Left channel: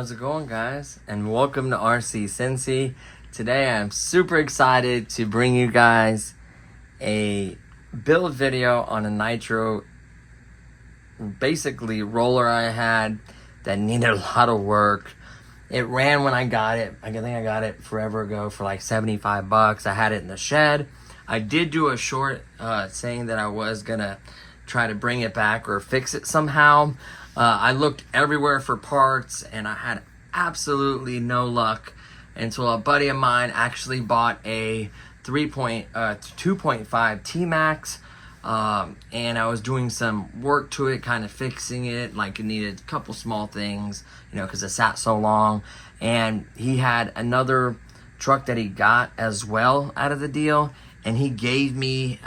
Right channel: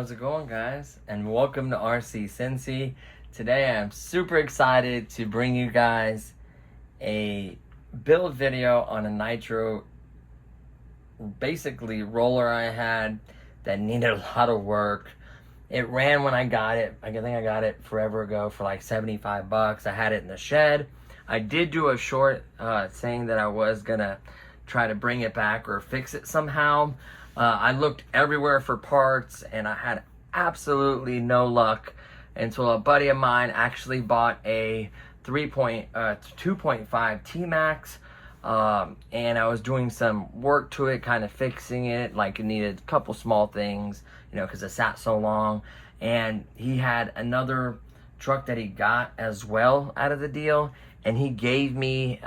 How's it going, guys? And welcome to RC Cincy. Today I'm super excited to bring you guys a build video on a nitro, basically roller I had that needed a lot of work. It ran when I got it. I think I got it forever ago for like 75 bucks. I had it in the shed. I did do a short saying that I was gonna try to bring it back or fix it somehow. I looked everywhere for parts and I had absolutely no luck until a buddy of mine actually bought a 2.5 T-Max, and I was doing some work to it, kind of fixing it, like it needed a couple small things, you know, because it sat so long. And he had another truck that he got as well out of the deal, and he gave me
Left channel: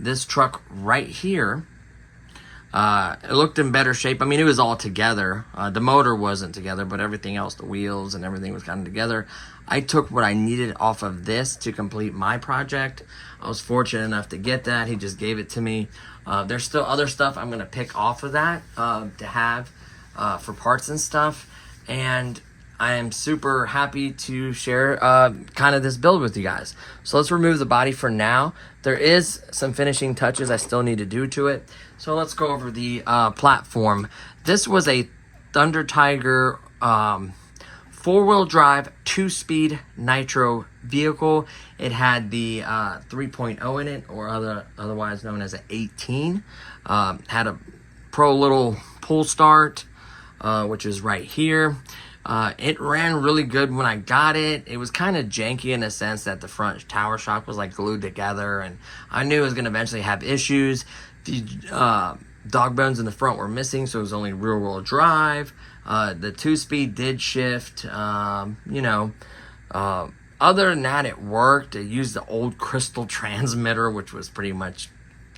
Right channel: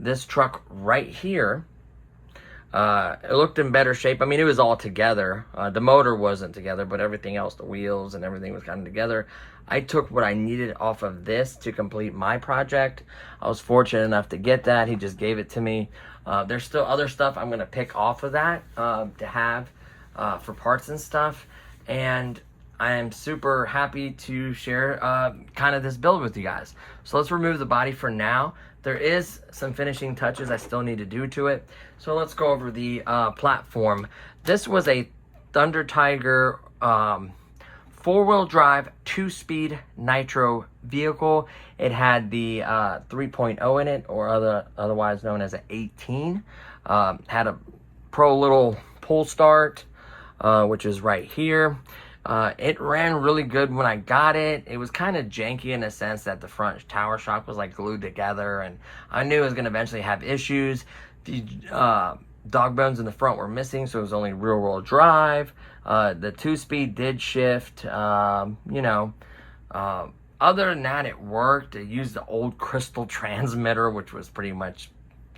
this truck right here. It looked in better shape. I mean, it was all together. The motor wasn't together, but everything else, the wheels and everything was kind of together. I took what I needed off of this to complete my project. I was fortunate enough to get that. He just gave it to me. There's still other stuff I'm going to pick off of that to have for parts and stuff. And I am super happy to share kind of this build with you guys. So let's remove the body for now. There is some finishing touches I still need to do to it. So let's go over the platform. This was a Thunder Tiger 4-wheel drive 2-speed nitro vehicle. It had the 3.0 in it, or otherwise known as an 18. Had a pro little pull start, which is right here. It ran really good when I got it. It was kind of janky in the sense that the front tower shock was like glued together, and I knew it was going to eventually have issues. The dog bones in the front were missing, so it was only rear-wheel drive. The 2-speed did shift, other than that, it worked. It used the old crystal transmitter, which was pretty much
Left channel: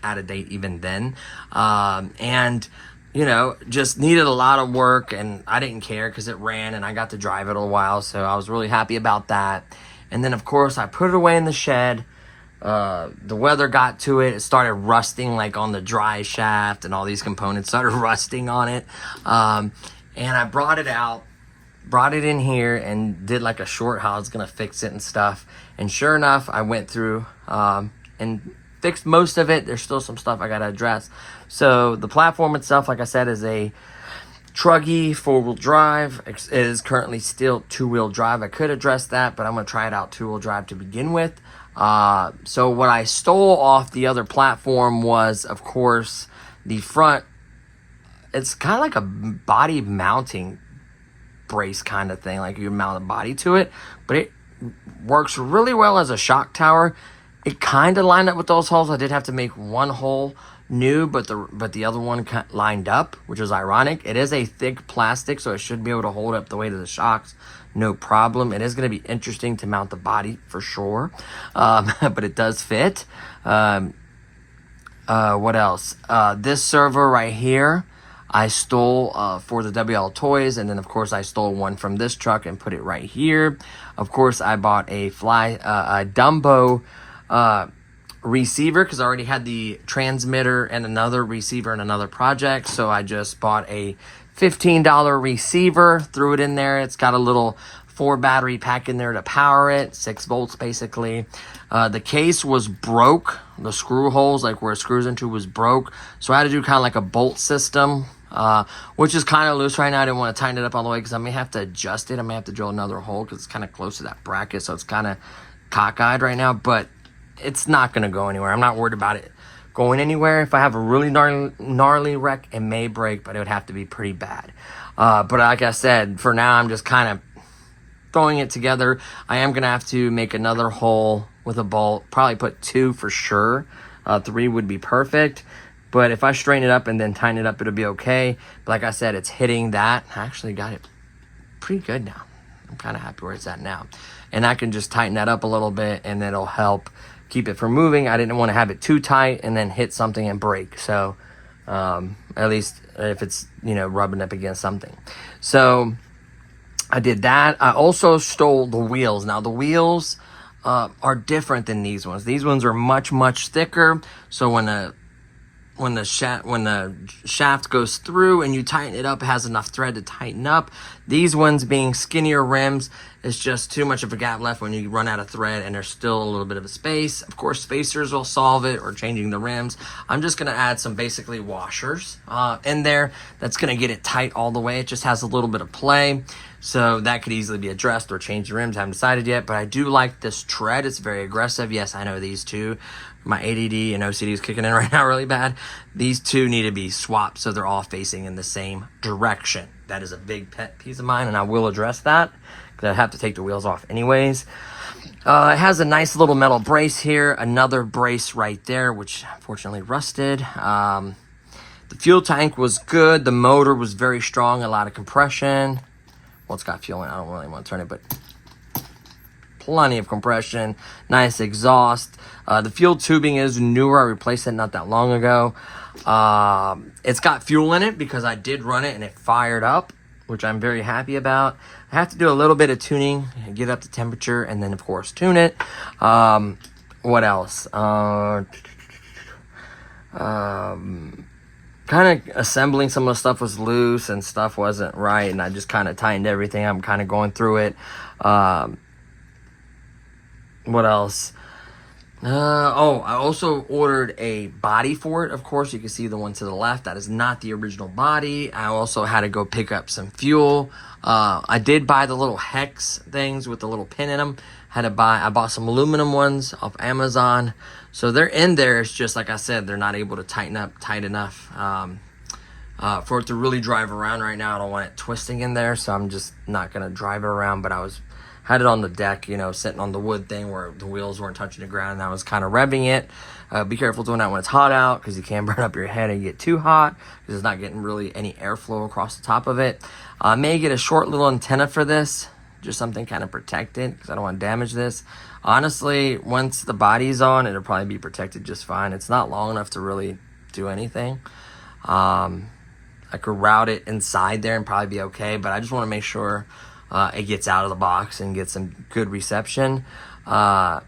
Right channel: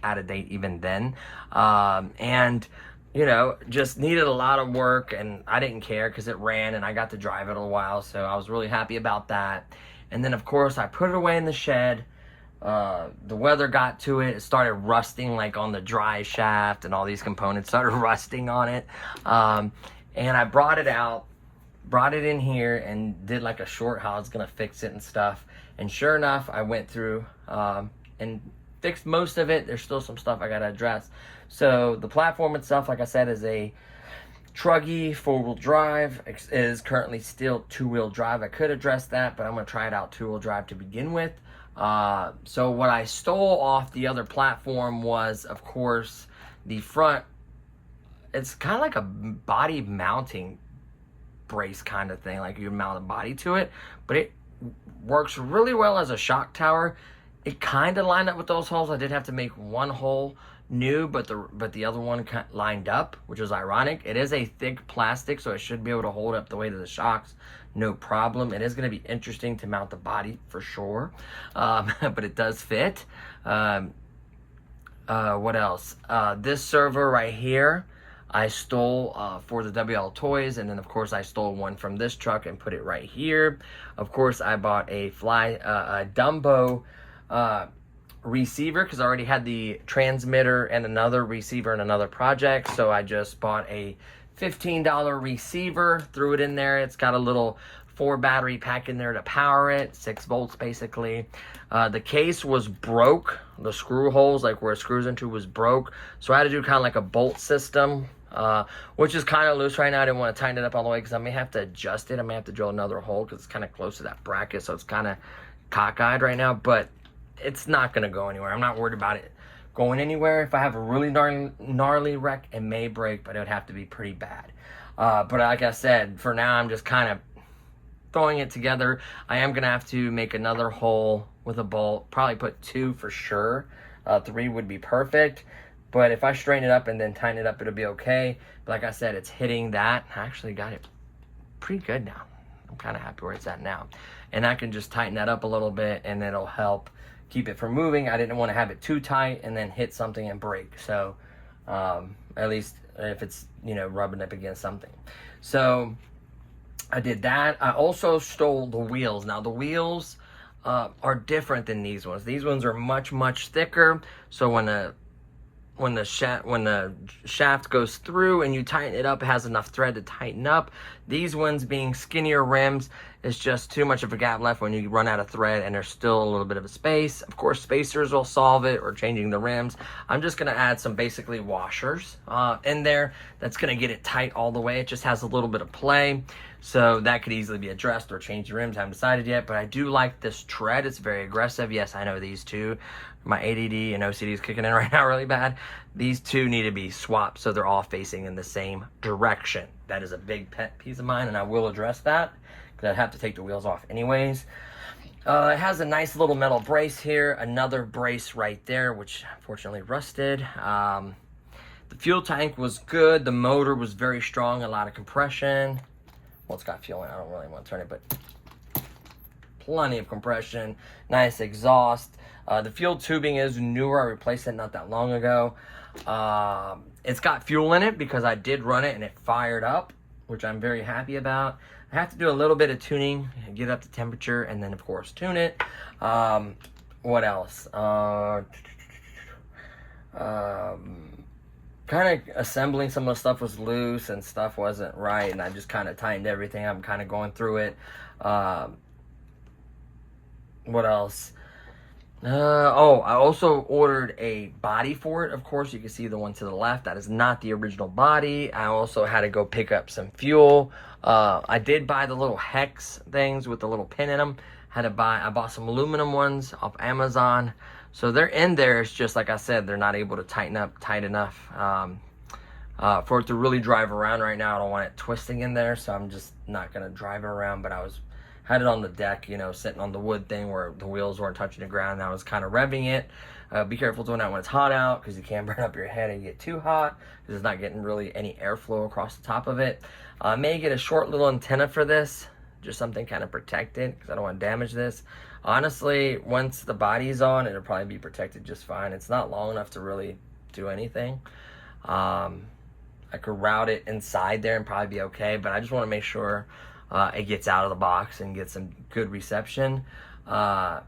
out of date even then. And just needed a lot of work, and I didn't care because it ran and I got to drive it a while, so I was really happy about that. And then, of course, I put it away in the shed. The weather got to it. It started rusting like on the drive shaft, and all these components started rusting on it. And I brought it out, brought it in here, and did like a short how I was going to fix it and stuff. And sure enough, I went through and fixed most of it. There's still some stuff I got to address. So the platform itself, like I said, is a truggy 4-wheel drive. It is currently still 2-wheel drive. I could address that, but I'm going to try it out 2-wheel drive to begin with. So what I stole off the other platform was, of course, the front. It's kind of like a body mounting brace kind of thing, like you mount a body to it, but it works really well as a shock tower. It kind of lined up with those holes. I did have to make one hole new, but the other one lined up, which is ironic. It is a thick plastic, so it should be able to hold up the weight of the shocks, no problem. It is going to be interesting to mount the body for sure, but it does fit. What else? This server right here, I stole for the WL Toys, and then of course I stole one from this truck and put it right here. Of course, I bought a Dumbo receiver because I already had the transmitter and another receiver in another project, so I just bought a $15 receiver, threw it in there. It's got a little 4 battery pack in there to power it, 6 volts basically. The case was broke. The screw holes, like where it screws into, was broke, so I had to do kind of like a bolt system, which is kind of loose right now. I didn't want to tighten it up all the way because I may have to adjust it. I may have to drill another hole because it's kind of close to that bracket, so it's kind of cockeyed right now, but it's not going to go anywhere. I'm not worried about it going anywhere. If I have a really gnarly wreck, it may break, but it would have to be pretty bad. But like I said, for now, I'm just kind of throwing it together. I am gonna have to make another hole with a bolt, probably put 2 for sure. 3 would be perfect, but if I straighten it up and then tighten it up, it'll be okay. But like I said, it's hitting that. I actually got it pretty good now. I'm kind of happy where it's at now, and I can just tighten that up a little bit, and it'll help keep it from moving. I didn't want to have it too tight and then hit something and break. So at least if it's, you know, rubbing up against something. So I did that. I also stole the wheels. Now the wheels are different than these ones. These ones are much thicker. So when the shaft goes through and you tighten it up, it has enough thread to tighten up. These ones, being skinnier rims, is just too much of a gap left when you run out of thread and there's still a little bit of a space. Of course, spacers will solve it, or changing the rims. I'm just gonna add some basically washers in there. That's gonna get it tight all the way. It just has a little bit of play. So that could easily be addressed, or change the rims. I haven't decided yet, but I do like this tread. It's very aggressive. Yes, I know these two. My ADD and OCD is kicking in right now really bad. These two need to be swapped so they're all facing in the same direction. That is a big pet peeve of mine, and I will address that because I have to take the wheels off anyways. It has a nice little metal brace here. Another brace right there, which unfortunately rusted. The fuel tank was good. The motor was very strong, a lot of compression. Well, it's got fuel in it. I don't really want to turn it, but plenty of compression. Nice exhaust. The fuel tubing is newer. I replaced it not that long ago. It's got fuel in it because I did run it and it fired up, which I'm very happy about. I have to do a little bit of tuning, get up to temperature, and then of course tune it. What else? Kind of assembling some of the stuff was loose and stuff wasn't right, and I just kind of tightened everything. I'm kind of going through it. What else? Oh, I also ordered a body for it. Of course, you can see the one to the left. That is not the original body. I also had to go pick up some fuel. I did buy the little hex things with the little pin in them. I bought some aluminum ones off Amazon. So they're in there. It's just, like I said, they're not able to tighten up tight enough for it to really drive around right now. I don't want it twisting in there, so I'm just not going to drive it around. But I had it on the deck, you know, sitting on the wood thing where the wheels weren't touching the ground, and I was kind of revving it. Be careful doing that when it's hot out, because you can burn up your head and get too hot, because it's not getting really any airflow across the top of it. I may get a short little antenna for this, just something kind of protected, because I don't want to damage this. Honestly, once the body's on, it'll probably be protected just fine. It's not long enough to really do anything. I could route it inside there and probably be okay, but I just want to make sure it gets out of the box and gets some good reception. As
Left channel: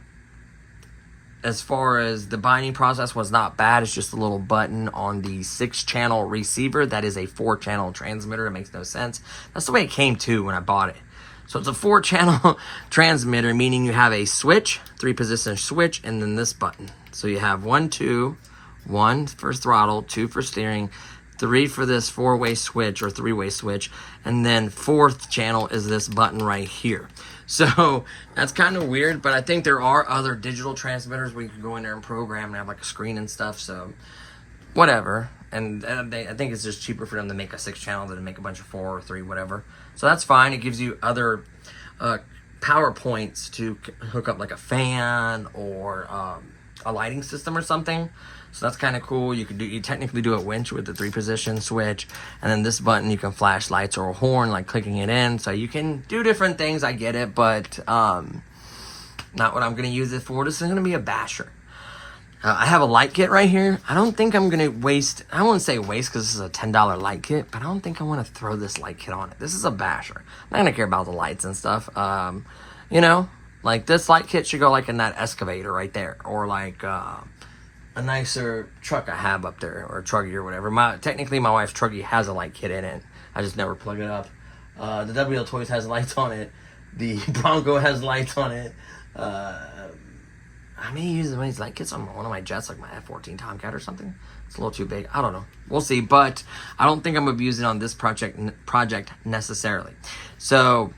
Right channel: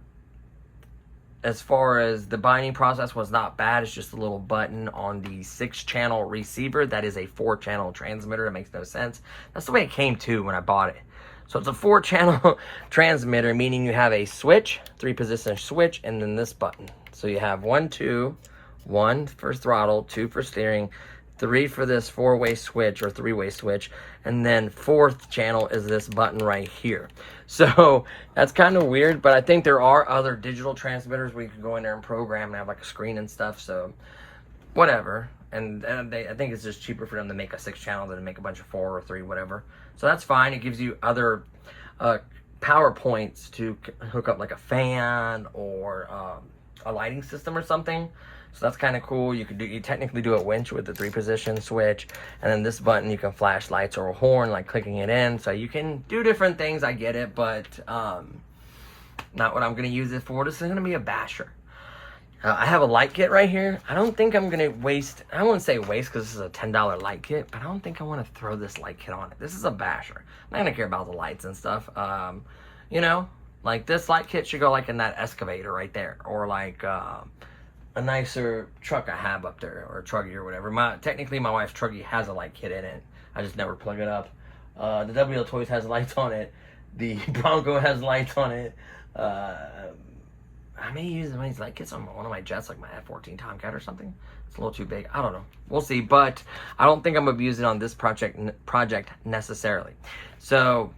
far as the binding process was not bad. It's just a little button on the 6-channel receiver. That is a 4-channel transmitter. It makes no sense. That's the way it came to when I bought it. So it's a 4-channel transmitter, meaning you have a switch, 3-position switch, and then this button. So you have 1, 2, 1 for throttle, 2 for steering, 3 for this 4-way switch or 3-way switch, and then 4th channel is this button right here. So that's kind of weird, but I think there are other digital transmitters where you can go in there and program and have like a screen and stuff, so whatever. And I think it's just cheaper for them to make a 6-channel than to make a bunch of 4 or 3, whatever. So that's fine. It gives you other power points to hook up like a fan or a lighting system or something. So that's kind of cool. You technically do a winch with the 3-position switch, and then this button you can flash lights or a horn, like clicking it in. So you can do different things. I get it, but not what I'm going to use it for. This is going to be a basher. I have a light kit right here. I don't think I'm going to waste, I don't want to say waste because this is a $10 light kit, but I don't think I want to throw this light kit on it. This is a basher. I'm not going to care about the lights and stuff. You know, like this light kit should go like in that excavator right there, or like a nicer truck I have up there, or a truggy or whatever. Technically my wife's truggy has a light kit in it. I just never plug it up. The WL Toys has lights on it. The Bronco has lights on it. I may use one of these light kits on one of my jets, like my F-14 Tomcat or something. It's a little too big. I don't know. We'll see. But I don't think I'm going to use it on this project necessarily. So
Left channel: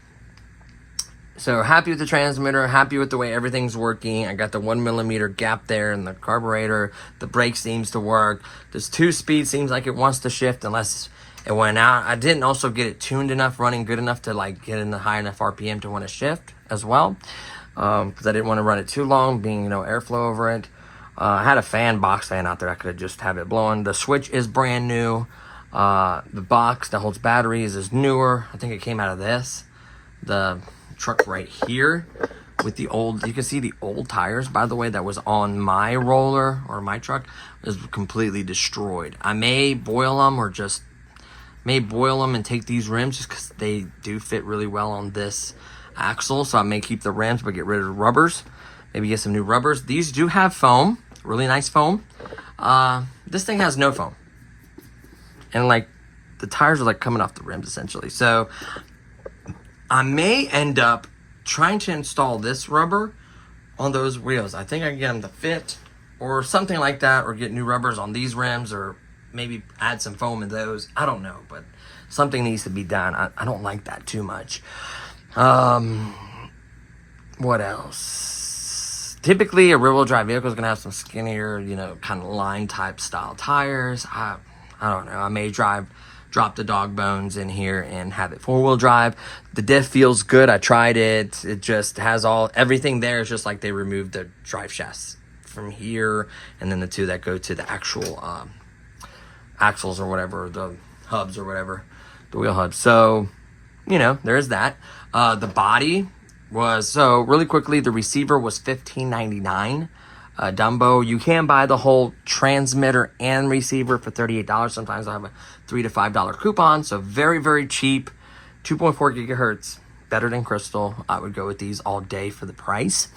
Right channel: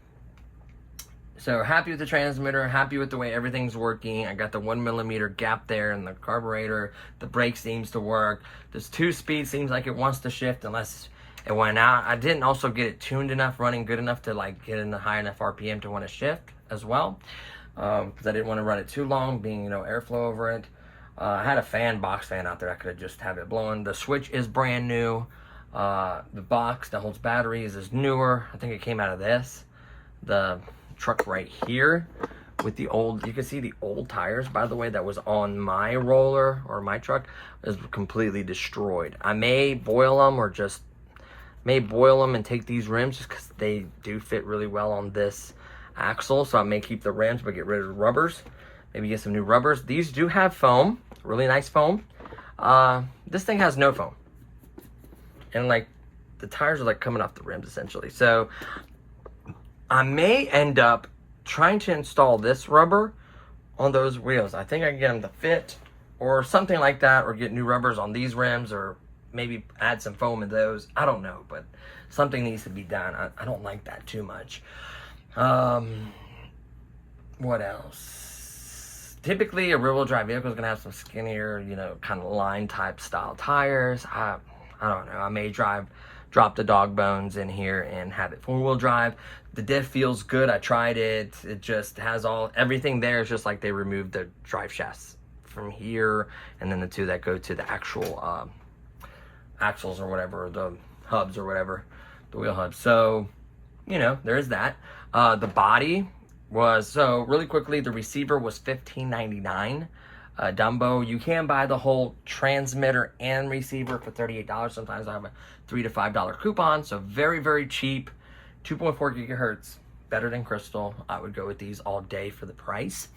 happy with the transmitter. Happy with the way everything's working. I got the 1mm gap there in the carburetor. The brake seems to work. This 2-speed seems like it wants to shift unless it went out. I didn't also get it tuned enough, running good enough to like get in the high enough RPM to want to shift as well, because I didn't want to run it too long, being, you know, airflow over it. I had a fan, box fan out there. I could have just have it blowing. The switch is brand new. The box that holds batteries is newer. I think it came out of this. The truck right here with the old, you can see the old tires, by the way, that was on my roller or my truck is completely destroyed. I may boil them or just and take these rims just because they do fit really well on this axle. So I may keep the rims but get rid of the rubbers. Maybe get some new rubbers. These do have foam, really nice foam. This thing has no foam. And like the tires are like coming off the rims essentially. So I may end up trying to install this rubber on those wheels. I think I can get them to fit or something like that, or get new rubbers on these rims, or maybe add some foam in those. I don't know, but something needs to be done. I don't like that too much. What else? Typically, a rear-wheel drive vehicle is going to have some skinnier, you know, kind of line type style tires. I don't know. I may drop the dog bones in here and have it four-wheel drive. The diff feels good. I tried it. It just has everything there is just like they removed the drive shafts from here, and then the two that go to the actual axles or whatever, the hubs or whatever, the wheel hubs. So, you know, there's that. The body was, so really quickly, the receiver was $15.99. Dumbo, you can buy the whole transmitter and receiver for $38. Sometimes I have a $3 to $5 coupon, so very, very cheap. 2.4 gigahertz, better than Crystal. I would go with these all day for the price.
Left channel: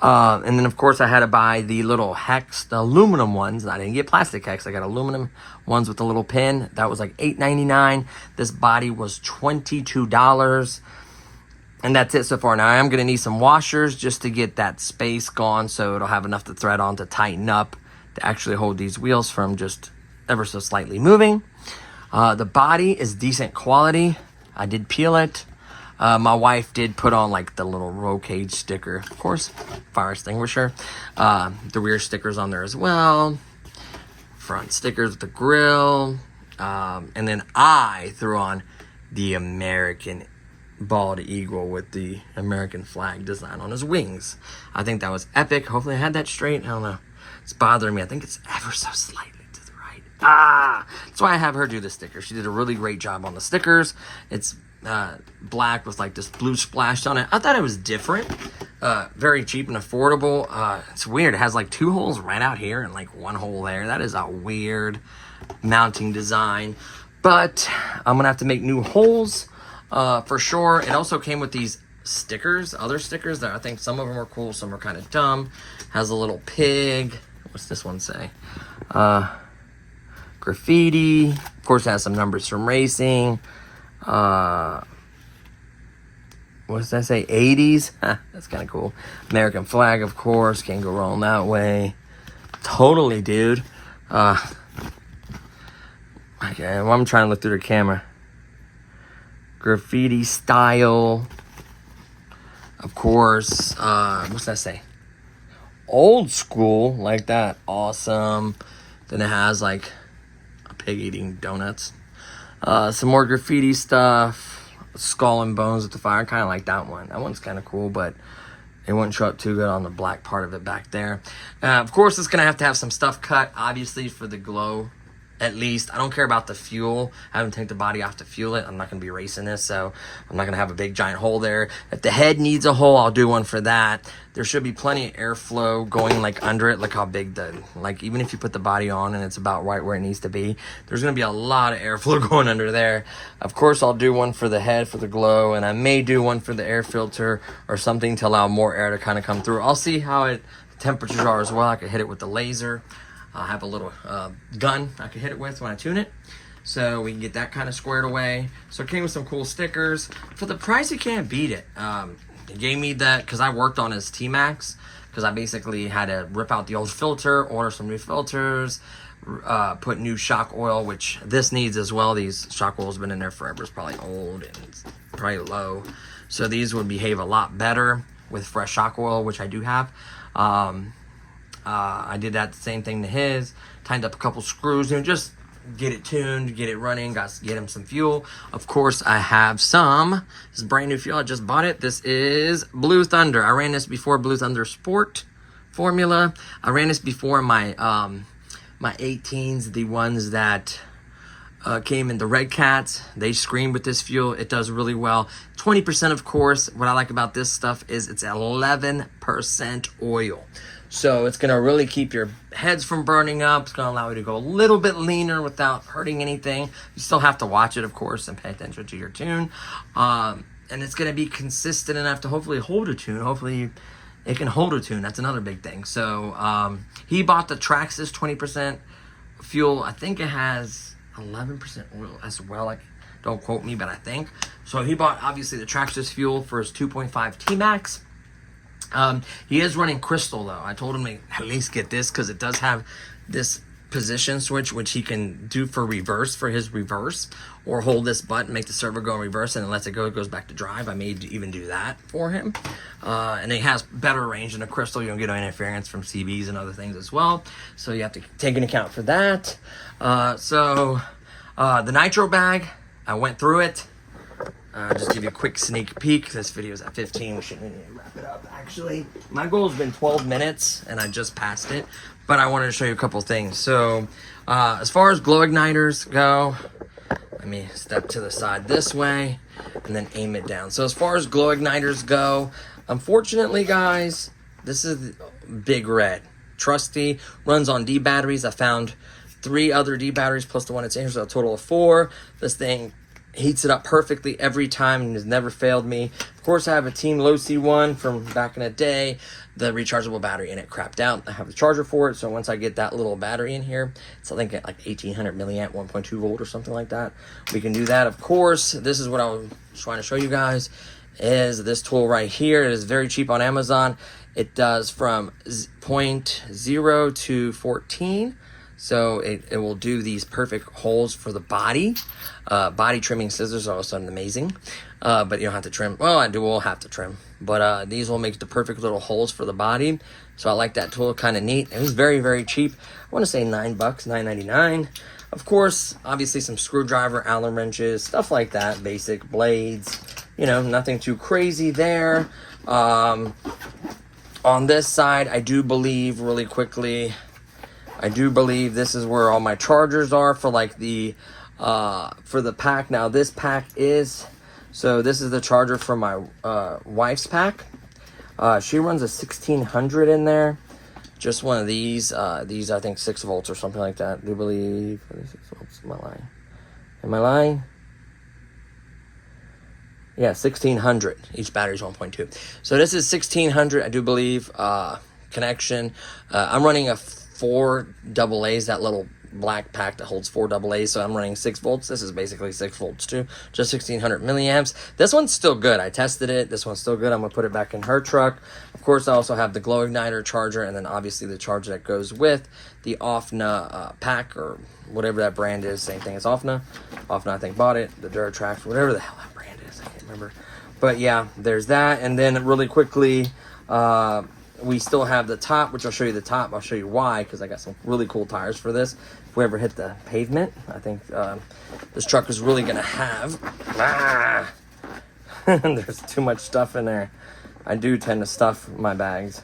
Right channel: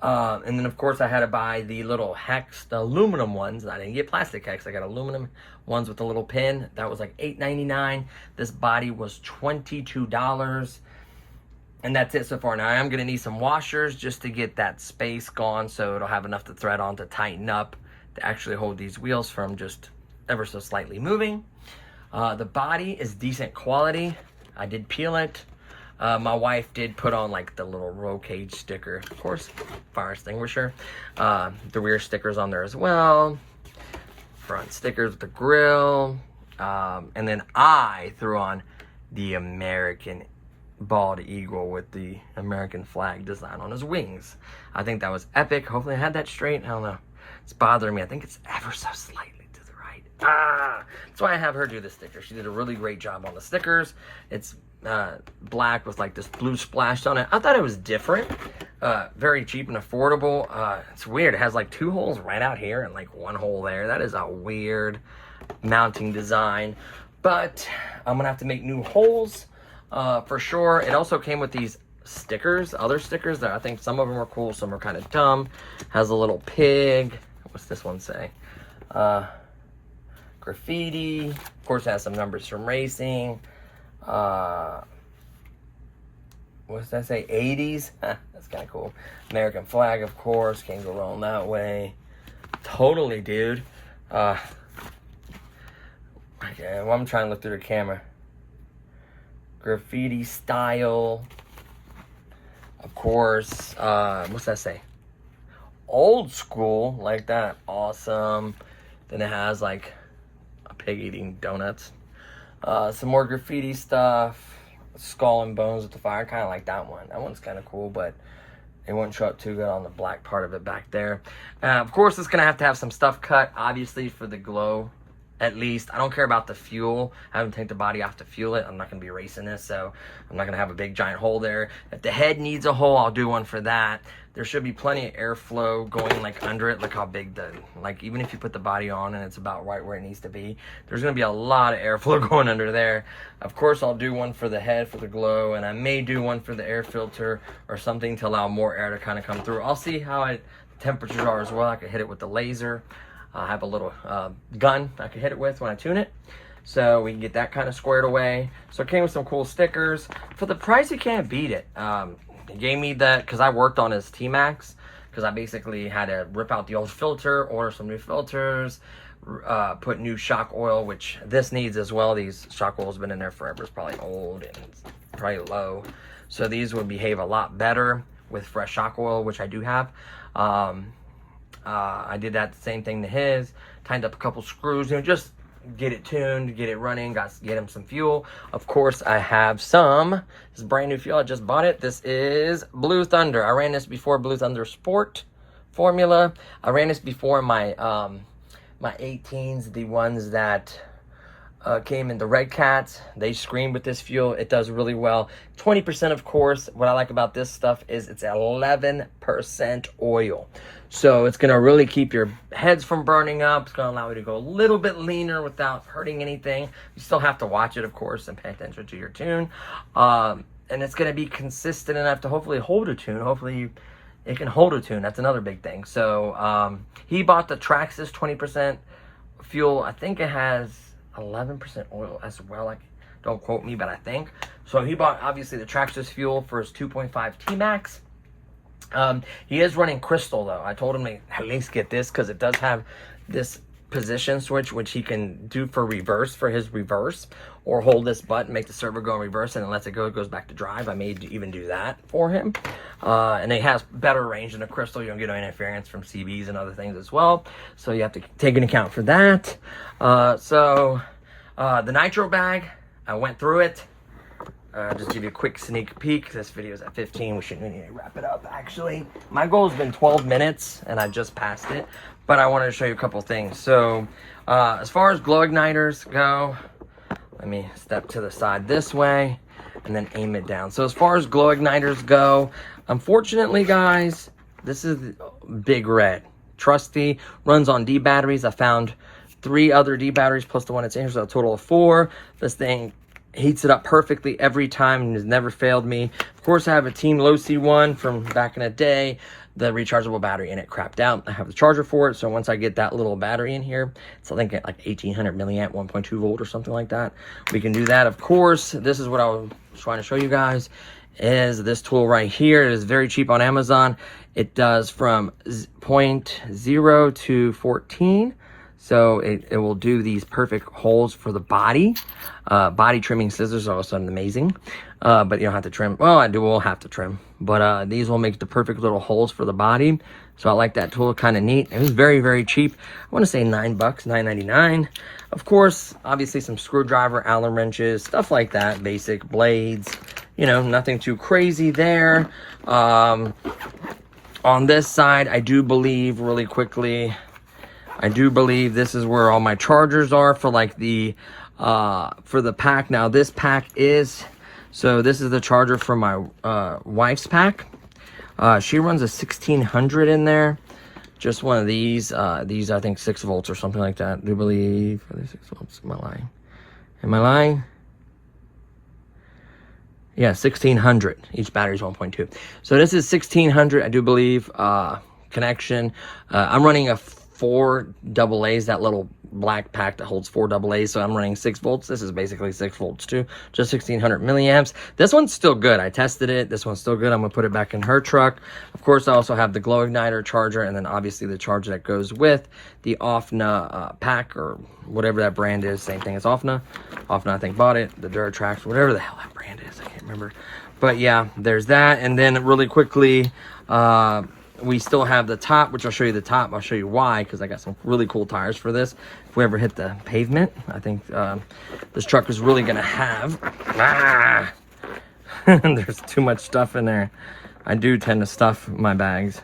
And then of course I had to buy the little hex, the aluminum ones. I didn't get plastic hex, I got aluminum ones with the little pin. That was like $8.99. This body was $22. And that's it so far. Now I am gonna need some washers just to get that space gone, so it'll have enough to thread on to tighten up to actually hold these wheels from just ever so slightly moving. The body is decent quality. I did peel it. My wife did put on like the little roll cage sticker, of course, fire extinguisher. The rear stickers on there as well. Front stickers with the grill. And then I threw on the American bald eagle with the American flag design on his wings. I think that was epic. Hopefully I had that straight. I don't know. It's bothering me. I think it's ever so slightly to the right. That's why I have her do the sticker. She did a really great job on the stickers. It's black with like this blue splashed on it. I thought it was different. Very cheap and affordable. It's weird. It has like two holes right out here and like one hole there. That is a weird mounting design. But I'm going to have to make new holes for sure. It also came with these stickers, other stickers that I think some of them are cool, some are kind of dumb. Has a little pig. What's this one say? Graffiti. Of course, it has some numbers from racing. What does that say? 80s. That's kind of cool. American flag, of course. Can't go wrong that way. Totally, dude. Okay, well, I'm trying to look through the camera. Graffiti style. Of course. What's that say? Old school, like that. Awesome. Then it has like a pig eating donuts. Some more graffiti stuff. Skull and bones with the fire. Kind of like that one. That one's kind of cool, but it wouldn't show up too good on the black part of it back there. Of course, it's going to have some stuff cut, obviously, for the glow. At least. I don't care about the fuel. I haven't taken the body off to fuel it. I'm not going to be racing this, so I'm not going to have a big giant hole there. If the head needs a hole, I'll do one for that. There should be plenty of airflow going like under it. Look how big like even if you put the body on and it's about right where it needs to be, there's going to be a lot of airflow going under there. Of course, I'll do one for the head for the glow, and I may do one for the air filter or something to allow more air to kind of come through. I'll see how temperatures are as well. I could hit it with the laser. I have a little gun I can hit it with when I tune it, so we can get that kind of squared away. So it came with some cool stickers. For the price, you can't beat it. He gave me that because I worked on his T-Max, because I basically had to rip out the old filter, order some new filters, put new shock oil, which this needs as well. These shock oil's been in there forever. It's probably old and it's probably low. So these would behave a lot better with fresh shock oil, which I do have. I did that same thing to his, tightened up a couple screws, you know, just get it tuned, get it running, got to get him some fuel. Of course, I have some. This is brand new fuel. I just bought it. This is Blue Thunder. I ran this before, Blue Thunder Sport formula. I ran this before my my 18s, the ones that came in the Red Cats. They scream with this fuel. It does really well. 20%, of course. What I like about this stuff is it's 11% oil. So it's going to really keep your heads from burning up. It's going to allow you to go a little bit leaner without hurting anything. You still have to watch it, of course, and pay attention to your tune. And it's going to be consistent enough to hopefully hold a tune. Hopefully it can hold a tune. That's another big thing. So he bought the Traxxas 20% fuel. I think it has 11% oil as well. Like, don't quote me, but I think. So he bought, obviously, the Traxxas fuel for his 2.5 T-Max. He is running Crystal, though. I told him to at least get this because it does have this position switch, which he can do for reverse, for his reverse, or hold this button, make the servo go in reverse, and then lets it go. It goes back to drive. I may even do that for him. And it has better range than a Crystal. You don't get no interference from CBs and other things as well. So you have to take into account for that. The nitro bag, I went through it. Just give you a quick sneak peek. This video is at 15. Shouldn't wrap it up, actually. My goal has been 12 minutes, and I just passed it. But I wanted to show you a couple things. So, as far as glow igniters go, let me step to the side this way, and then aim it down. So, as far as glow igniters go, unfortunately, guys, this is Big Red. Trusty, runs on D batteries. I found 3 other D batteries plus the one that's in here, so a total of 4. This thing heats it up perfectly every time and has never failed me. Of course, I have a Team Low C1 from back in the day. The rechargeable battery in it crapped out. I have the charger for it, so once I get that little battery in here, it's I think at like 1800 milliamp, 1.2 volt or something like that. We can do that. Of course, this is what I was trying to show you guys, is this tool right here. It is very cheap on Amazon. It does from 0.0 to 14. So it will do these perfect holes for the body. Body trimming scissors are also amazing. But you don't have to trim. Well, I will have to trim. But these will make the perfect little holes for the body. So I like that tool, kind of neat. It was very, very cheap. I want to say $9, $9.99. Of course, obviously some screwdriver, Allen wrenches, stuff like that. Basic blades. You know, nothing too crazy there. On this side, I do believe, really quickly, I do believe this is where all my chargers are for like the for the pack. Now this pack is, so this is the charger for my wife's pack. She runs a 1600 in there. Just one of these. These I think 6 volts or something like that. I do believe 6 volts. Am I lying? Am I lying? Yeah, 1600. Each battery's 1.2. So this is 1600. I do believe connection. I'm running a 4 AA's, that little black pack that holds 4 AA's, so I'm running 6 volts. This is basically 6 volts too, just 1600 milliamps. This one's still good. I tested it. This one's still good. I'm gonna put it back in her truck. Of course, I also have the glow igniter charger, and then obviously the charger that goes with the OFNA pack, or whatever that brand is. Same thing as OFNA. OFNA, I think, bought it. The Duratrax, whatever the hell that brand is, I can't remember. But yeah, there's that. And then really quickly, we still have the top, which I'll show you the top. I'll show you why, because I got some really cool tires for this. If we ever hit the pavement, I think this truck is really gonna have. There's too much stuff in there. I do tend to stuff my bags.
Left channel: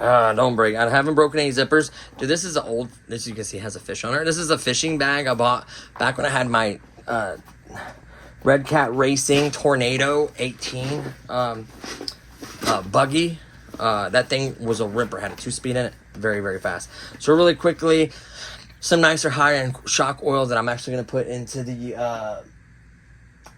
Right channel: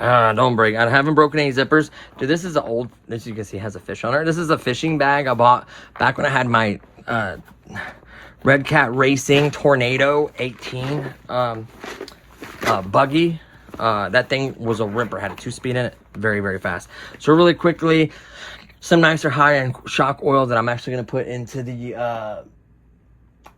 Don't break. I haven't broken any zippers. Dude, this is an old, as you can see, has a fish on it. This is a fishing bag I bought back when I had my Red Cat Racing Tornado 18 buggy. That thing was a ripper, had a 2-speed in it, very, very fast. So really quickly, some nicer high-end shock oils that I'm actually going to put into the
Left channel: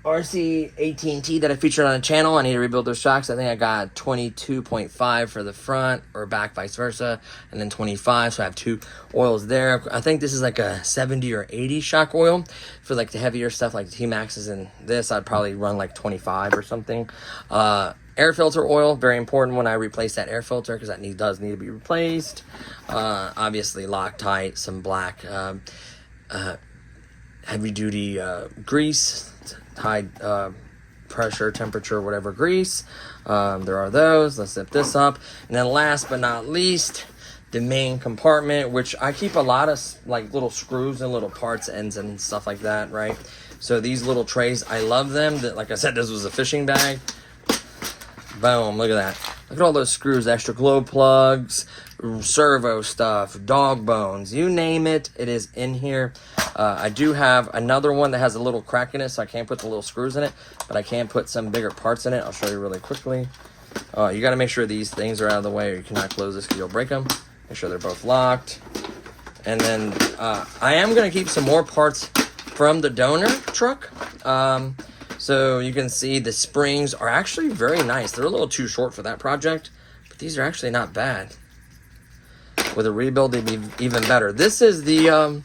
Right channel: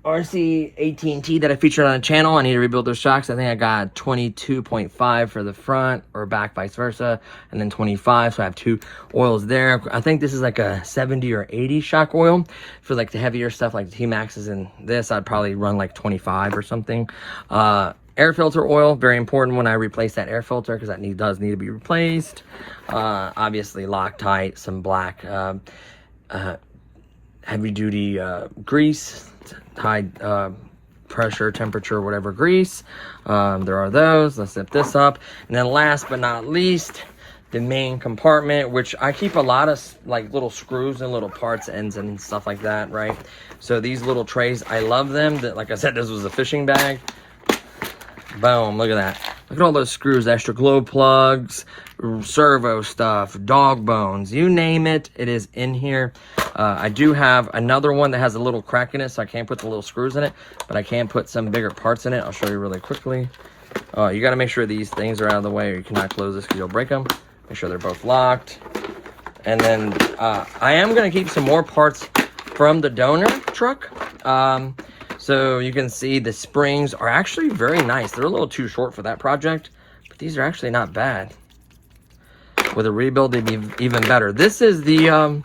RC 18T that I featured on the channel. I need to rebuild those shocks. I think I got 22.5 for the front, or back, vice versa, and then 25, so I have 2 oils there. I think this is like a 70 or 80 shock oil. For like the heavier stuff, like the T-Maxes and this, I'd probably run like 25 or something. Air filter oil, very important when I replace that air filter, because that does need to be replaced. Obviously Loctite, some black heavy duty grease, high pressure, temperature, whatever grease. There are those. Let's zip this up. And then last but not least, the main compartment, which I keep a lot of like little screws and little parts, ends and stuff like that, right? So these little trays, I love them. That, like I said, this was a fishing bag. Boom, look at that. Look at all those screws, extra glow plugs, servo stuff, dog bones, you name it, it is in here. I do have another one that has a little crack in it, so I can't put the little screws in it, but I can put some bigger parts in it. I'll show you really quickly. You gotta make sure these things are out of the way or you cannot close this because you'll break them. Make sure they're both locked. And then I am gonna keep some more parts from the donor truck. So you can see the springs are actually very nice. They're a little too short for that project, but these are actually not bad. With a rebuild, they'd be even better. This is the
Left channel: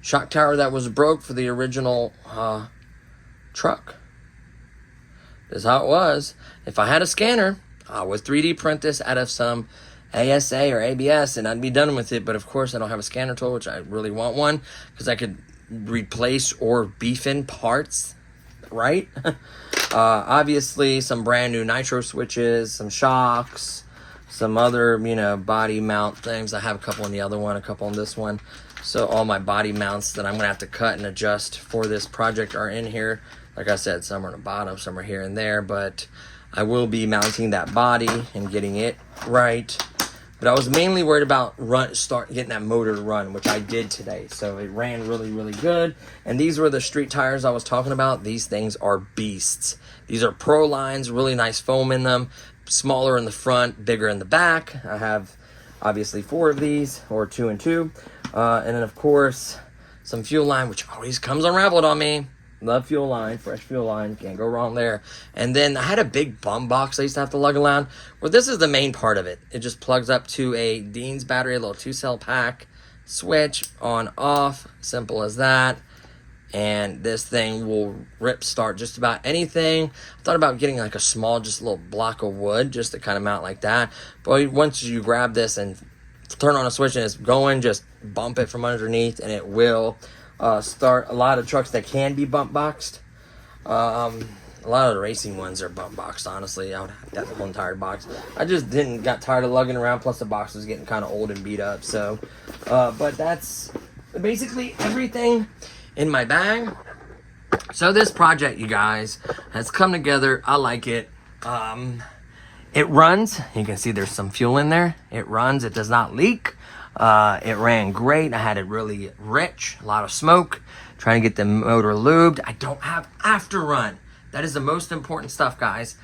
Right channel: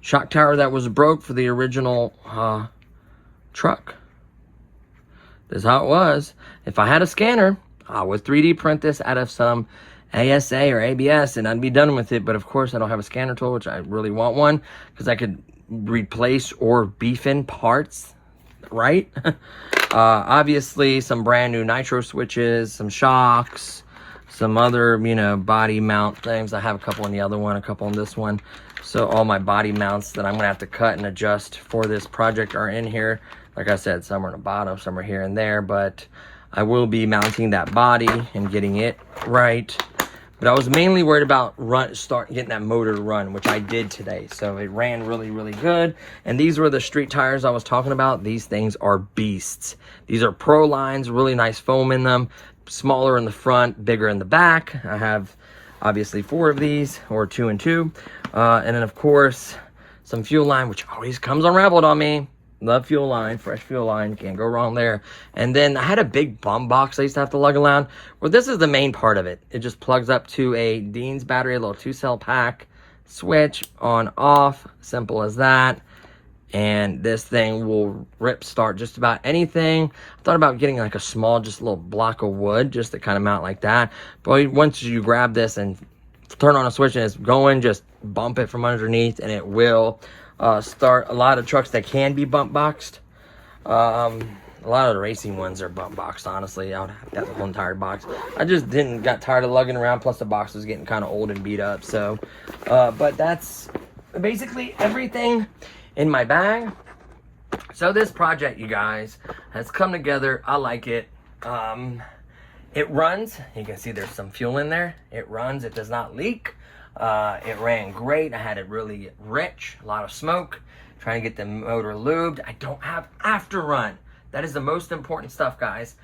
shock tower that was broke for the original truck. This is how it was. If I had a scanner, I would 3D print this out of some ASA or ABS and I'd be done with it. But of course, I don't have a scanner tool, which I really want one because I could replace or beef in parts. Right? Obviously some brand new nitro switches, some shocks, some other, you know, body mount things. I have a couple on the other one, a couple on this one. So all my body mounts that I'm gonna have to cut and adjust for this project are in here. Like I said, some are on the bottom, some are here and there, but I will be mounting that body and getting it right. But I was mainly worried about getting that motor to run, which I did today. So it ran really, really good. And these were the street tires I was talking about. These things are beasts. These are Pro lines, really nice foam in them. Smaller in the front, bigger in the back. I have obviously 4 of these, or 2 and 2. And then of course, some fuel line, which always comes unraveled on me. Love fuel line, fresh fuel line, can't go wrong there. And then I had a big bum box I used to have to lug around. Well, this is the main part of it. It just plugs up to a Dean's battery, a little 2-cell pack, switch, on, off, simple as that. And this thing will rip start just about anything. I thought about getting like a small, just a little block of wood just to kind of mount like that. But once you grab this and turn on a switch and it's going, just bump it from underneath and it will start. A lot of trucks that can be bump boxed. A lot of the racing ones are bump boxed, honestly. I would have the whole entire box. I just got tired of lugging around, plus the box was getting kind of old and beat up. So, but that's basically everything in my bag. So this project, you guys, has come together. I like it. It runs. You can see there's some fuel in there. It runs. It does not leak. It ran great. I had it really rich, a lot of smoke, trying to get the motor lubed. I don't have after run. That is the most important stuff, guys.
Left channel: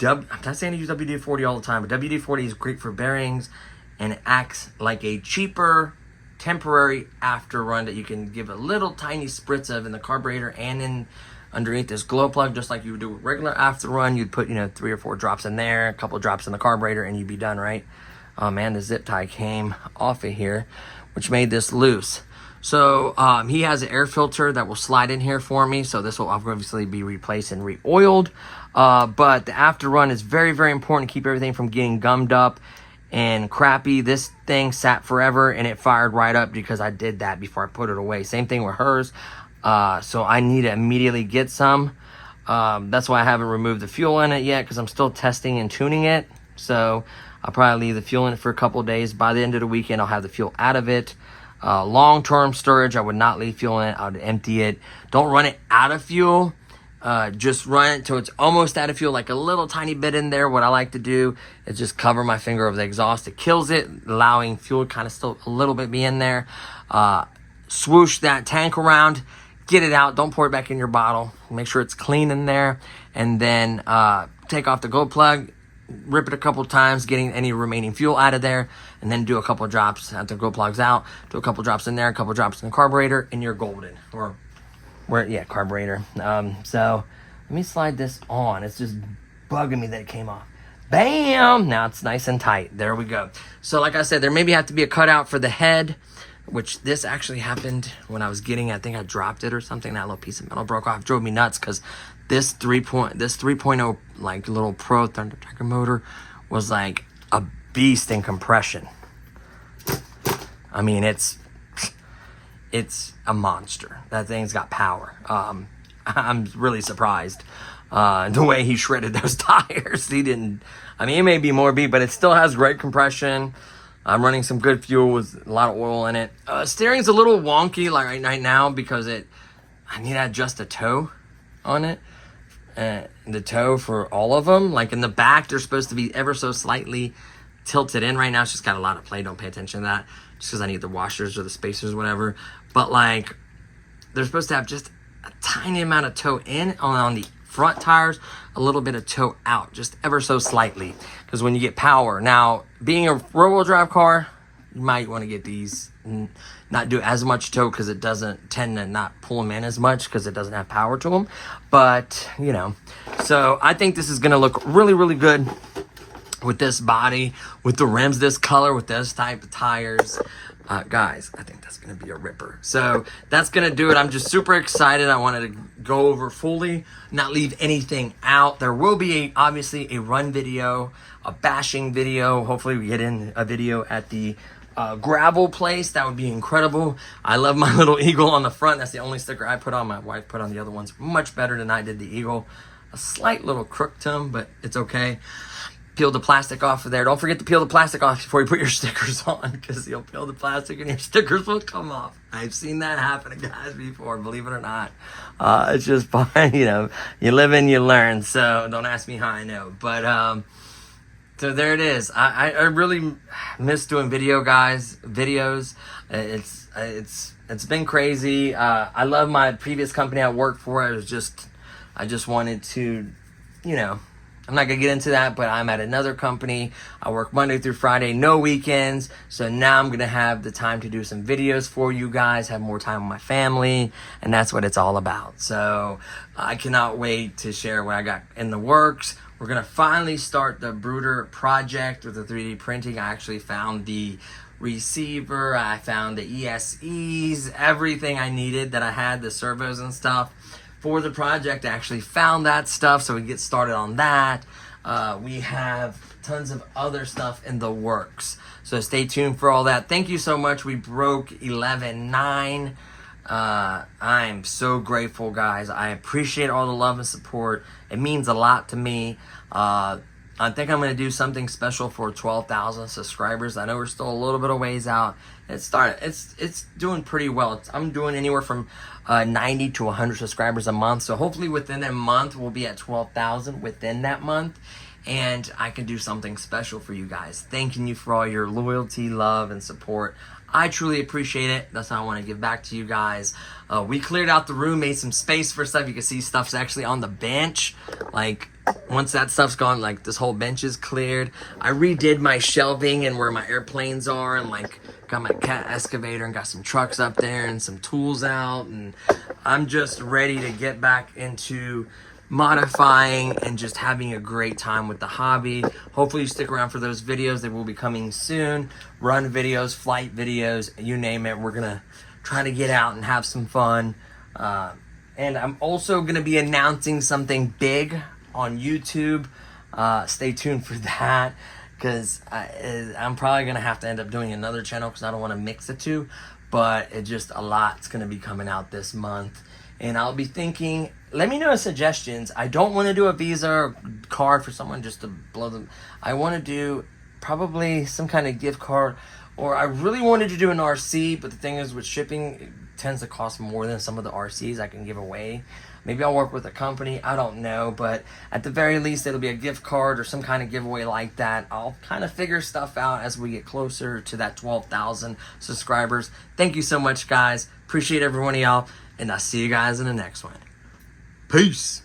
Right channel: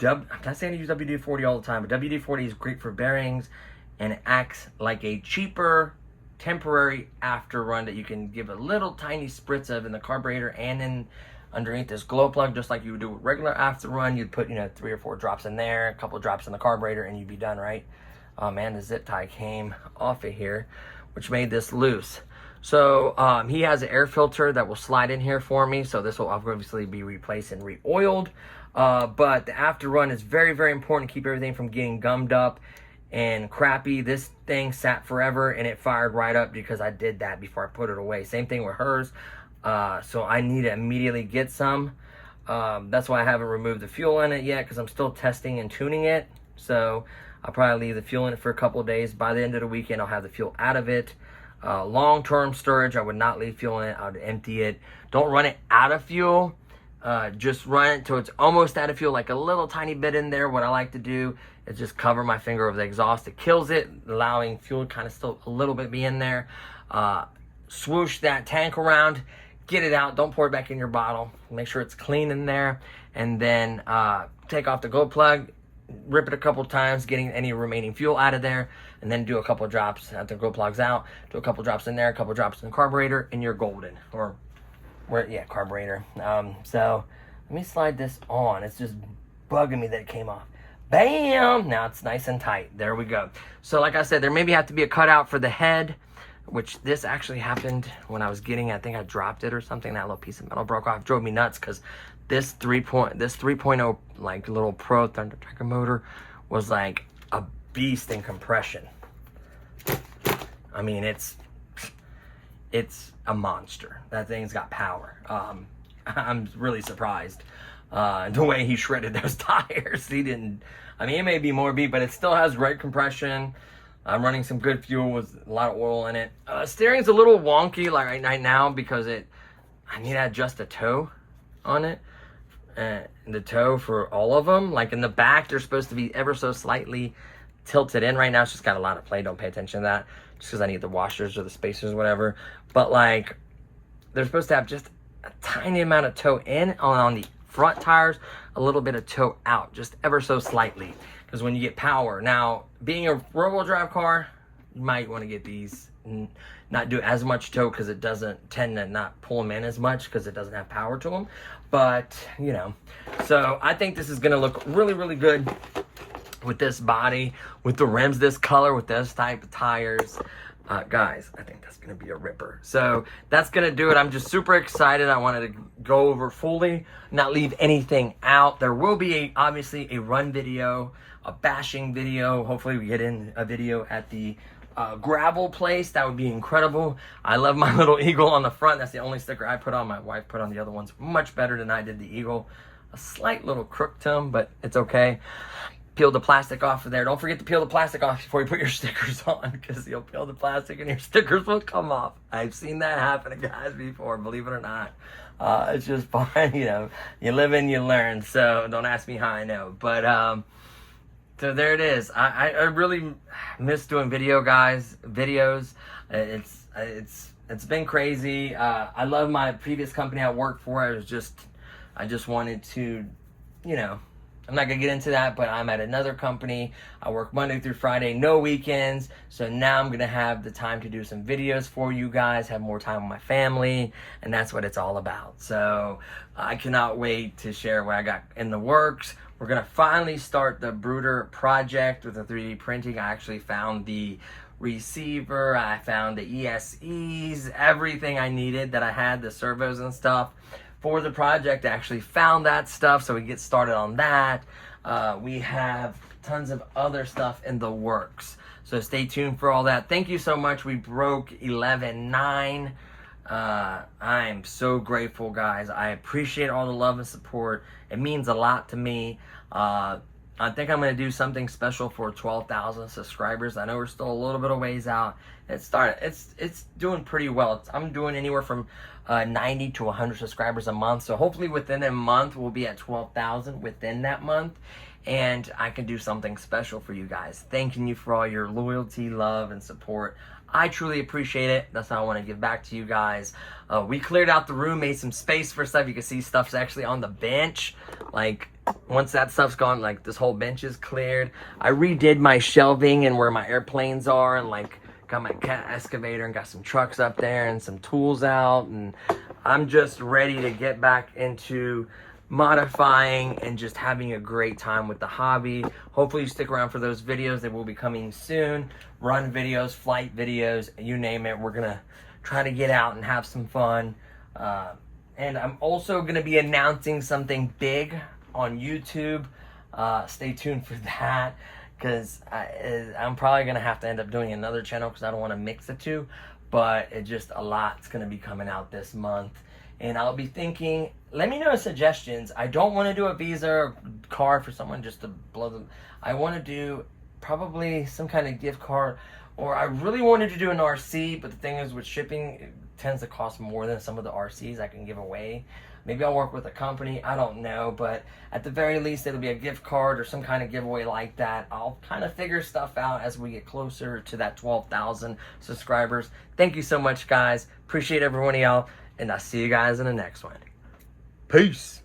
I'm not saying to use WD-40 all the time, but WD-40 is great for bearings and it acts like a cheaper temporary after run that you can give a little tiny spritz of in the carburetor and in underneath this glow plug, just like you would do with regular after run. You'd put, 3 or 4 drops in there, a couple drops in the carburetor, and you'd be done, right? Oh man, the zip tie came off of here, which made this loose. So he has an air filter that will slide in here for me. So this will obviously be replaced and re-oiled. But the after run is very, very important to keep everything from getting gummed up and crappy. This thing sat forever and it fired right up because I did that before I put it away. Same thing with hers. So I need to immediately get some. That's why I haven't removed the fuel in it yet, because I'm still testing and tuning it. So I'll probably leave the fuel in it for a couple of days. By the end of the weekend, I'll have the fuel out of it. Long-term storage, I would not leave fuel in it. I would empty it. Don't run it out of fuel. Just run it till it's almost out of fuel, like a little tiny bit in there. What I like to do is just cover my finger over the exhaust. It kills it, allowing fuel kind of still a little bit be in there. Swoosh that tank around, get it out. Don't pour it back in your bottle. Make sure it's clean in there. And then take off the glow plug, rip it a couple times, getting any remaining fuel out of there, and then do a couple drops after the glow plug's out. Do a couple drops in there, a couple drops in the carburetor, and you're golden. Carburetor. So let me slide this on. It's just bugging me that it came off. Bam! Now it's nice and tight. There we go. So like I said, there maybe have to be a cutout for the head, which this actually happened when I was getting, I think I dropped it or something. That little piece of metal broke off. Drove me nuts because this 3.0 like little Pro Thunder Tracker motor was like a beast in compression. I mean, it's a monster. That thing's got power. I'm really surprised the way he shredded those tires. He didn't. I mean, it may be more beat, but it still has great compression. I'm running some good fuel with a lot of oil in it. Steering's a little wonky like right now because I need to adjust the toe on it. The toe for all of them. Like in the back, they're supposed to be ever so slightly tilted in. Right now, it's just got a lot of play. Don't pay attention to that. Just because I need the washers or the spacers or whatever. But like, they're supposed to have just a tiny amount of toe in on the front tires, a little bit of toe out, just ever so slightly. Because when you get power, now being a rear-wheel drive car, you might want to get these, not do as much toe because it doesn't tend to not pull them in as much because it doesn't have power to them. But, you know, so I think this is going to look really, really good with this body, with the rims this color, with this type of tires. Guys, I think that's going to be a ripper. So that's going to do it. I'm just super excited. I wanted to go over fully, not leave anything out. There will be obviously a run video, a bashing video. Hopefully we get in a video at the gravel place. That would be incredible. I love my little eagle on the front. That's the only sticker I put on. My wife put on the other ones much better than I did the eagle. A slight little crook to them, but it's okay. Peel the plastic off of there. Don't forget to peel the plastic off before you put your stickers on, because you'll peel the plastic and your stickers will come off. I've seen that happen to guys before, believe it or not. It's just fine, you know. You live and you learn, so don't ask me how I know. But so there it is. I really miss doing videos. It's been crazy. I love my previous company I worked for. I just wanted to, you know, I'm not going to get into that, but I'm at another company. I work Monday through Friday, no weekends. So now I'm going to have the time to do some videos for you guys, have more time with my family, and that's what it's all about. So I cannot wait to share what I got in the works. We're going to finally start the Brooder project with the 3D printing. I actually found the receiver. I found the ESEs, everything I needed that I had, the servos and stuff. For the project, I actually found that stuff, so we can get started on that. We have tons of other stuff in the works, so stay tuned for all that. Thank you so much. We broke 11.9. I'm so grateful, guys. I appreciate all the love and support. It means a lot to me. I think I'm going to do something special for 12,000 subscribers. I know we're still a little bit of ways out. It's doing pretty well. I'm doing anywhere from 90 to 100 subscribers a month. So hopefully within a month, we'll be at 12,000 within that month. And I can do something special for you guys. Thanking you for all your loyalty, love, and support. I truly appreciate it. That's how I want to give back to you guys. We cleared out the room, made some space for stuff. You can see stuff's actually on the bench. Like, once that stuff's gone, like, this whole bench is cleared. I redid my shelving and where my airplanes are, and like got my cat excavator and got some trucks up there and some tools out, and I'm just ready to get back into modifying and just having a great time with the hobby. Hopefully you stick around for those videos. They will be coming soon. Run videos, flight videos, you name it. We're gonna try to get out and have some fun. And I'm also gonna be announcing something big on YouTube. Stay tuned for that, because I'm probably going to have to end up doing another channel because I don't want to mix the two. But it's just a lot's going to be coming out this month. And I'll be thinking, let me know suggestions. I don't want to do a Visa or card for someone just to blow them. I want to do probably some kind of gift card. Or I really wanted to do an RC, but the thing is with shipping, it tends to cost more than some of the RCs I can give away. Maybe I'll work with a company, I don't know, but at the very least, it'll be a gift card or some kind of giveaway like that. I'll kind of figure stuff out as we get closer to that 12,000 subscribers. Thank you so much, guys. Appreciate every one of y'all, and I'll see you guys in the next one. Peace.